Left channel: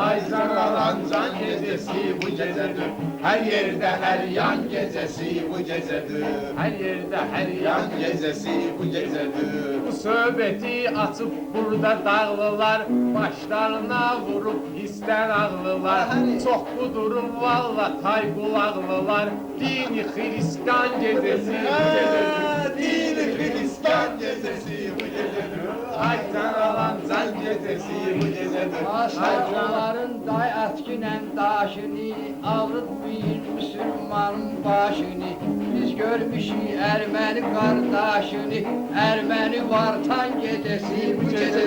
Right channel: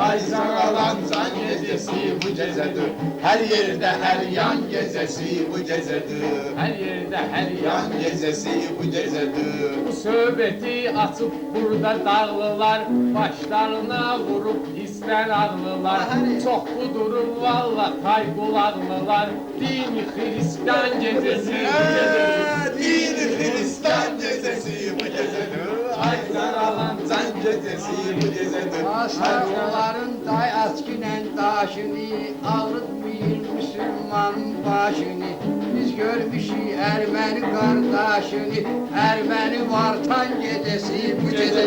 Ay zaralan can gecesi bu gecedir. Her yerde her yan gecesi bu gecedir. Her yerde her yan Yan gecesi bu gecedir. bu söhbeti açıp burada dağlılar başlarına vurup ister ağlılar. Çok kudurur valla tay kulaklılar. Dini Hristiyan gecesi bu gecedir. Dini Hristiyan gecesi bu gecedir. Ay zaralan can gecesi bu gecedir. Asa onların day atkinen daşını ağrıtmayın Müslümanın başını. Biz görmüşük Ermeni kardeşini, Ermeni vartan gecesi bu gecedir.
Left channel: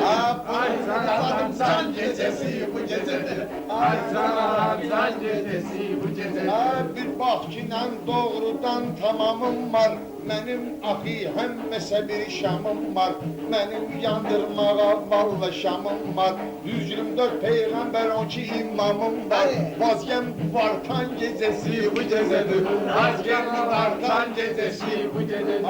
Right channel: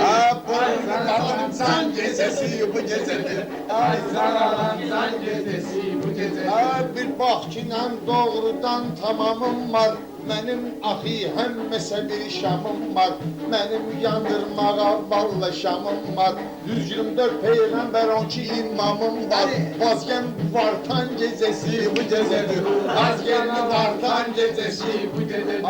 Ay zaralan can gecesi bu gecedir. Ay zaralan can gecesi bu gecedir. Bir bakçıyla doğrudan tamamım var. Mənim axı həmməsə bir şamım var. Mənim yandırmağa valla şamım var. 124 peyğəmbər 12 imamım var. Vazgem vartan gecesi bu gecedir. Vazgem vartan gecesi bu gecedir.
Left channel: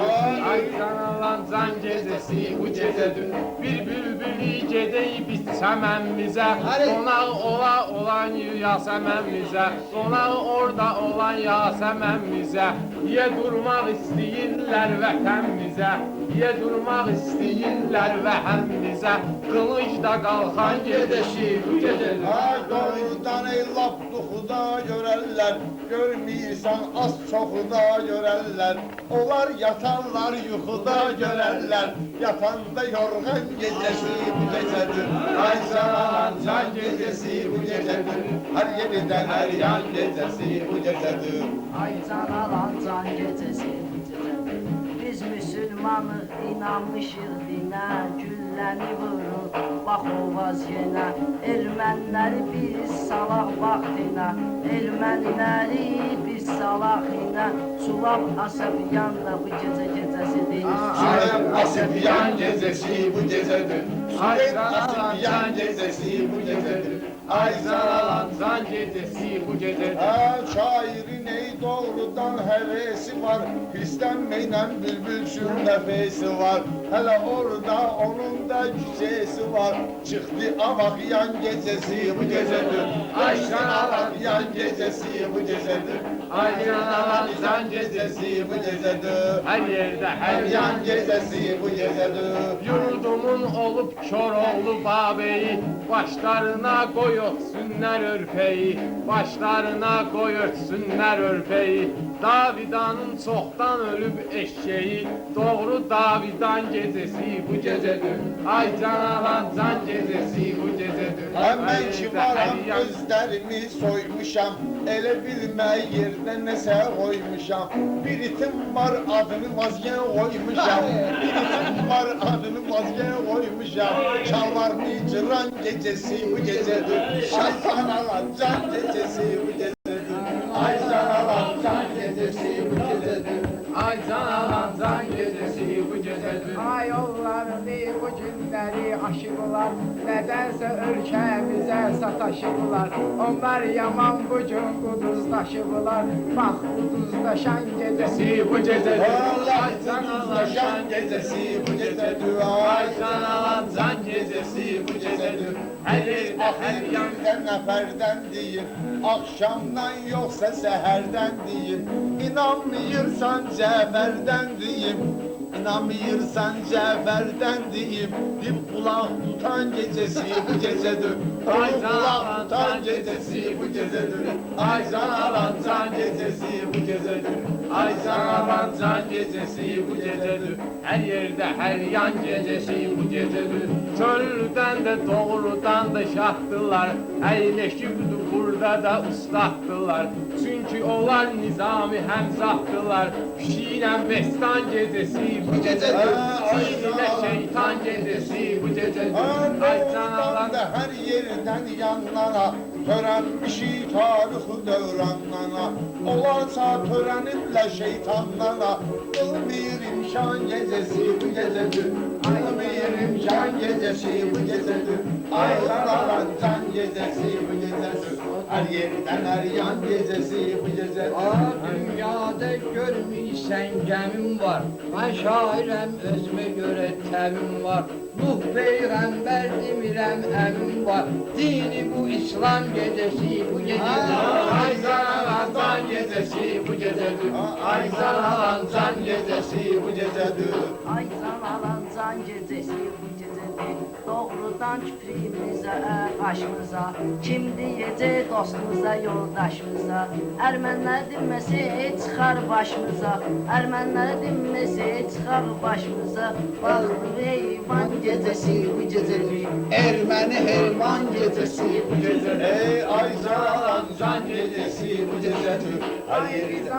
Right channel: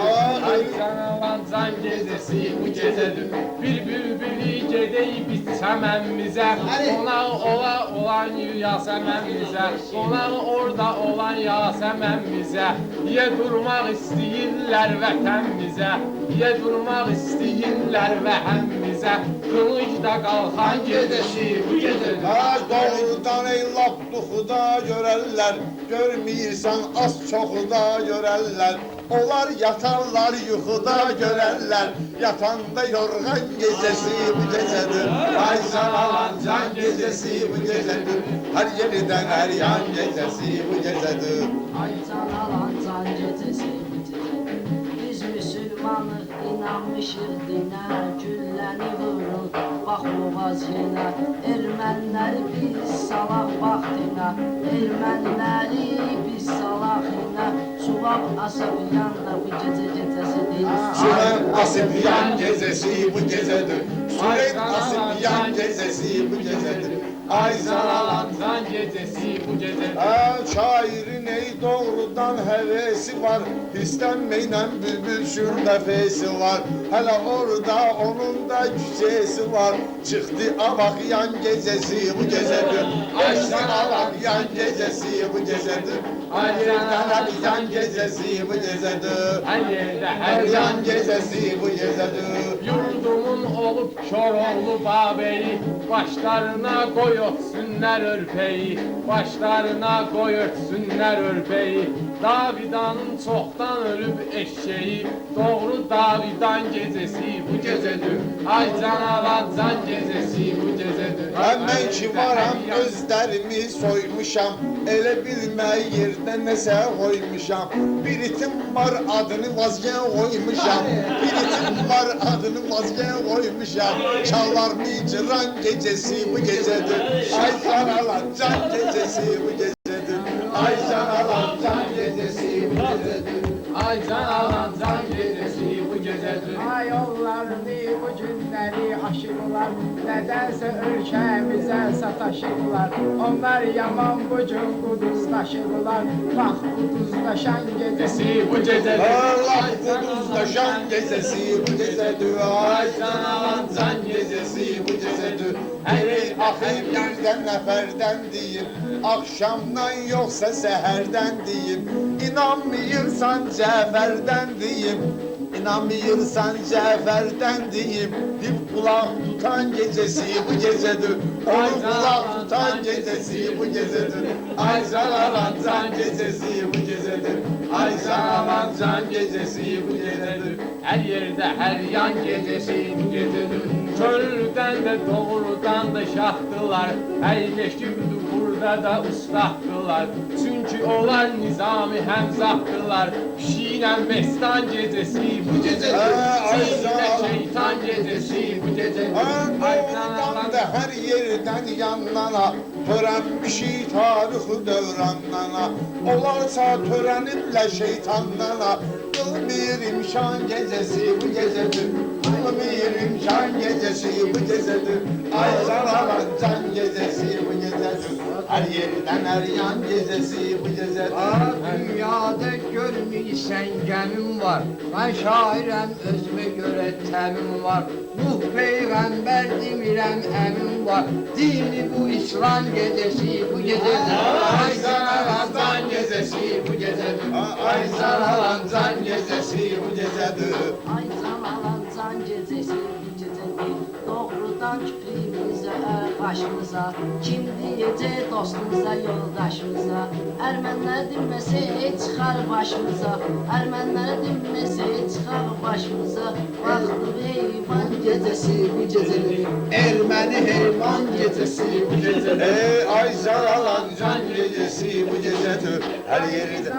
Ay zaralan can gecesi bu gecedir. Bir bülbülü gedey bit çəmənmizə. Qonağı ola olan yasəmənmizə. Qonağı orada olan yasəmənmizə. Niyə durmaq istəyirlər vətənimizə? Niyə durmaq istəyirlər vəhəmmizə? Qılıcda qalxan gecesi bu gecedir. Doğrudan ey laf duxuda görərlər. Görməyirsən az çoxu da görərlər. Onlar yatarlar yuxuda görərlər. Yatanda yorğan gecesi bu gecedir. Ay zaralan can gecesi bu gecedir. Her yerden her yan gecesi bu gecedir. Ay zaralan can gecesi bu gecedir. Biz Müslümanız inanmışıq dinə, gülləni vurur bax o vaziyinə. Ermənləri biz salaq vaxtinə, ermənləri biz salaq inə. Suvab Asabiyan da bu gecə gecəsidir. Süren Asıbiyan gecesi bu gecedir. Süren Asıbiyan gecesi bu gecedir. Ay zaralan can gecesi bu gecedir. Şairin ey doğrudan hevesi var. İstenmeyle bülbülsün nefesi var. Hele orada onun da cücesi var. Çıktı avak yan gecesi bu gecedir. Ay zaralan yan gecesi bu gecedir. Ay zaralan yan gecesi bu gecedir. Her yerde her Her yan yan gecesi bu gecedir. Yurdumun olup Koroğlu babeyi başlarına koy ötsünler örpeyi, başlarına koy ötsünler örpeyi. Davidanın çoktan ölüp eşeği, doğru Davidan gecesi bu gecedir. Ay canavan can gecesi bu gecedir. Hemen ki varam özlerimi soymuşam. Ele bilme yerde nese koymuşam. Bir itim var adını vazgeçe koymuşam. Bir itim var adını vazgeçe koymuşam. Çalar mı cıran gecesi bu gecedir. Ay zaralan can gecesi bu gecedir. Ay zaralan can gecesi bu gecedir. Ay canavan can gecesi bu gecedir. Ay yollarını bu günləri aşırlar, nədənsə ölkəmizə sataşırlar. Onlar yaman bu gün quduzlaşırlar, bax quduzlaşan gecesi bu gecedir. Allah kuduzlaşan gecesi bu gecedir. Ay Canavan can gecesi bu gecedir. Hey ahir birden neferden diyeyim. Akşamdan yoksa seherden diyeyim. İnanmıyorsan Cafer'den diyeyim. İnanmıyorsan Cafer'den diyeyim. Bir kulak tutan gecesi bu gecedir. Onu kulak tutan gecesi bu gecedir. Ay zaralan can gecesi bu gecedir. Ay zaralan can gecesi bu gecedir. Her yerde her yan gecesi bu gecedir. Köylüden de doğrudan da şahtılar. Əyləşib burada da ıslahtılar. Çünkü onlar nizami həmzahtılar. Şiirən Mestan gecesi bu gecedir. Şiirdə şeytan gecesi bu gecedir. Doğrudan da her yerden yanlara Törənmişik tarixi dövranlara Olarsa törənimlə şeytanlara Qılmır imşan gecesi bu gecedir. Qılmır imşan gecesi bu gecedir. Ay zaralan can gecesi bu gecedir. Her yerden her yan gecesi bu gecedir. Dünyada görməysən gəmim var, mən şairəm özümə görə təmim var. Nuh peygamber demirəm əmim var. Dini bu İslam gecesi bu gecedir. Ay sana Ramazan gecesi bu gecedir. Ay sana Ramazan gecesi bu gecedir. Ay sanalan can gecesi bu gecedir. Doğrudan küprümüze, başımıza. Kim diyecek dostumuza, yoldaşımıza. Ermənlər dinməsi çıxar başımıza. Ermənlər dinməsi çıxar başımıza. Baxdı heyvan gecesi bu gecedir. Ermeni heyvan gecesi bu gecedir. Ay zaralan can gecesi bu gecedir. Her yeri de.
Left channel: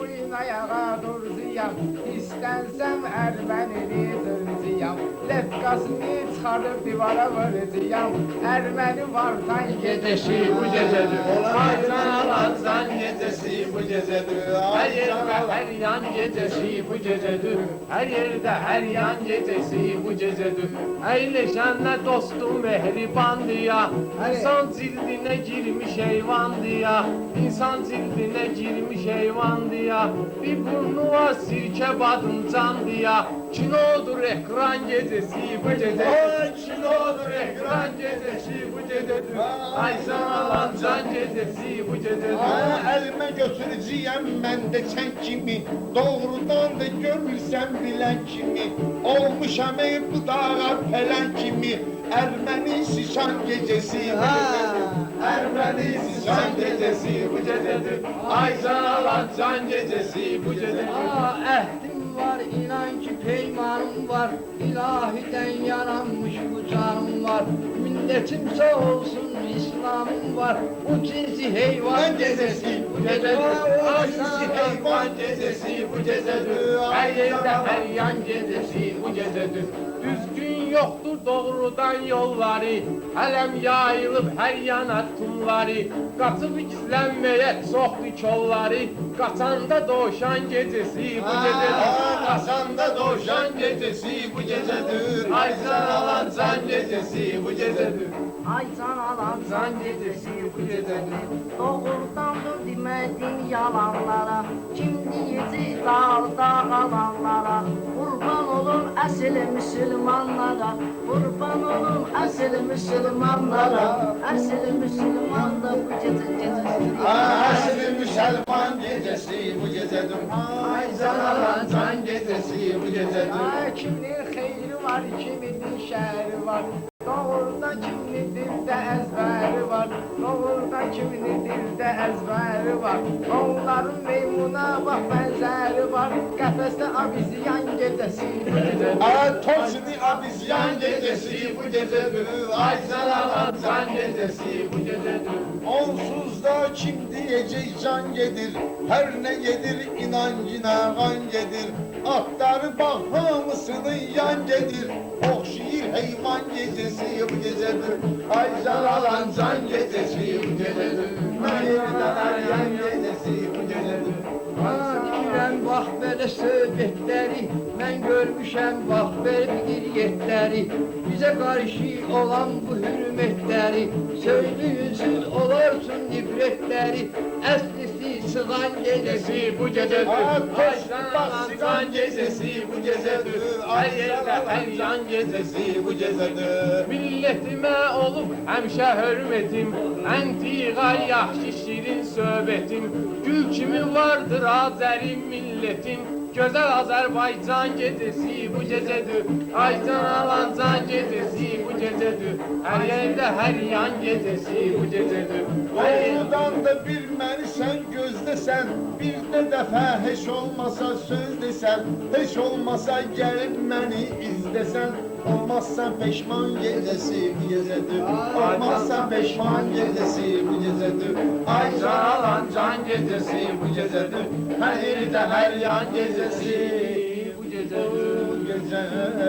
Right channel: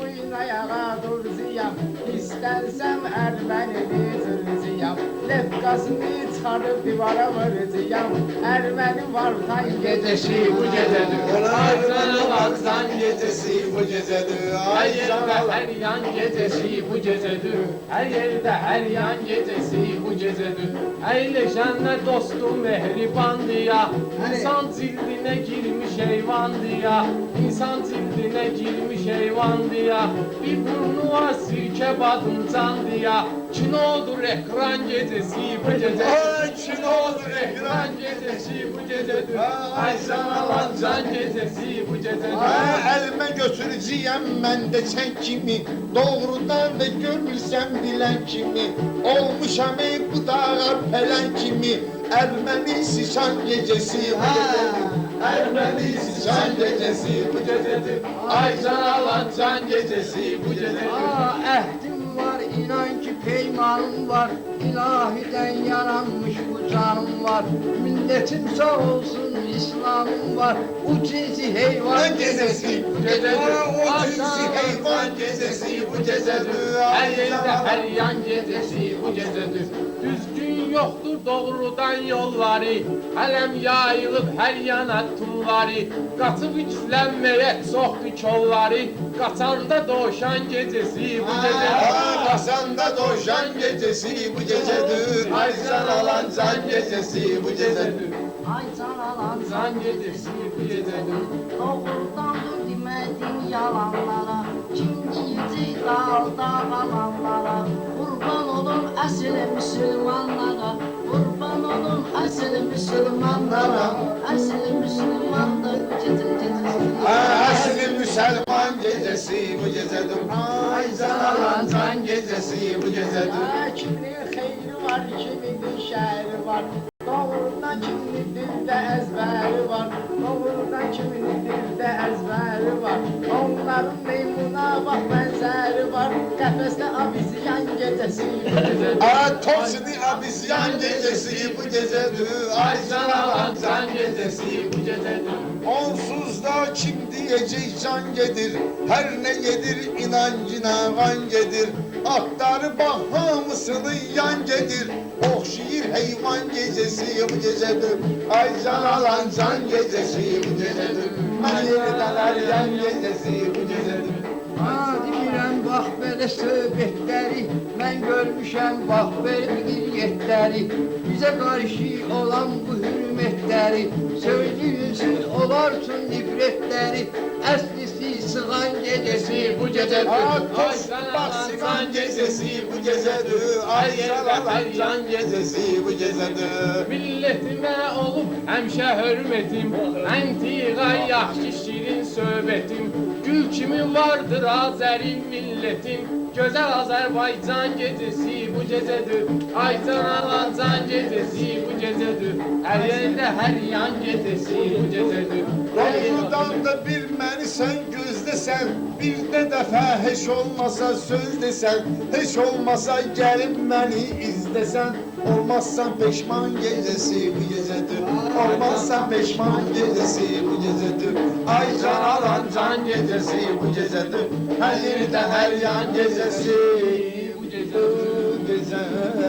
Bugün ayağa durzuyam. İstensem Ermeni zırcıyam. Lefkasını çıkarıp divara vuracağım. Ermeni vartan Gecesi bu gecedir. Ay sana Ramazan gecesi bu gecedir. Her yerde her yan gecesi bu gecedir. Her yerde her yan gecesi bu gecedir. Eyleşenler dostum mehribandı ya. İnsan cildine girmiş heyvandı ya. İnsan cildine girmiş heyvandı ya. Bir burnu var sirke badımcandı ya. Kinodur ekran gecesi bu gecedir. Kinodur ekran gecesi bu gecedir. Ay sana lan can gecesi bu gecedir. Elime götüreceğim ben de sen kimi. Doğrudan da görmüşsem bilen kimi. Olmuşam bu dağa pelen kimi. Ermeni şişan gecesi bu gecedir. Ermeni şişan gecesi bu gecedir. Ay sana lan can gecesi bu gecedir. Ehdim var inan ki peymanım var. İlahiden yaranmış bu canım var. Milletim sağ olsun İslam'ım var. O cinsi heyvan Gecesi bu gecedir. Ay sana heyvan gecesi bu gecedir. Her yerde her yan gecesi bu gecedir. Düzgün yoktur doğrudan yolları. Hələm yayılıb hər yana tumları. Qaçıb gizlənməyə çoxdur kolları. Qaçanda doğuşan gecesi bu gecedir. Kasanda doğuşan gecesi bu gecedir. Ay sana lan can gecesi bu gecedir. Ay sanalan can gecesi bu gecedir. Doğrudandır demədin yalanlara. Kim diyecek dağda qalanlara. Qurban olum əsl müsəlmanlara. Qurban olum əsl müsəlmanlara. Əsl müsəlmanlar bu gecedir. Aslı Müslüman gecesi bu gecedir. Ay zaralan can gecesi bu gecedir. Kiminin xeyri var, kiminin şəhəri var. Doğrudan kiminin dildə əzbəri var. Doğrudan kiminin dildə əzbəri var. Onların meymuna bax bənzəri var. Qəfəsdə abisiyan gecəsi. Tosni abisyan gecesi bu gecedir. Ay zaralan can gecesi bu gecedir. Onsuz da kim diyecek can gedir. Her ne yedir inancına kan gedir. Aktarı bahramısının yan gedir. Okşayır heyvan gecesi bu gecedir. Ay can alan can gecesi bu gecedir. Her yerden her yan gecesi bu gecedir. Deyirəm bax belə söhbətləri, mən görmüşəm bax belə qiriyyətləri. Bizə qarşı olan bu hürmətləri, söyləyin siz olarsın ibrətləri. Əslisi sığan gecəsi bu gecədir. Toş basılan gecesi bu gecedir. Ay can alan can gecesi bu gecedir. Millətimə olub həmişə hörmətim. Əntiqa yaxşı şirin söhbətim. Gül kimi vardır Azəri millətim. Gözəl Azərbaycan gecesi bu gecedir. Ay can alan can gecesi bu gecedir. Hər yerdə hər yan gecesi bu gecedir. Doğrudan da bir məni sen gözlesen. Bir de defa hiç olmasa söz desen. Hiç olmasa gelip beni izlesen. Olmazsan peşman gecesi bu gecedir. Olmazsan peşman gecesi bu gecedir. Ay can alan can gecesi bu gecedir. Her yerde her yan gecesi bu gecedir.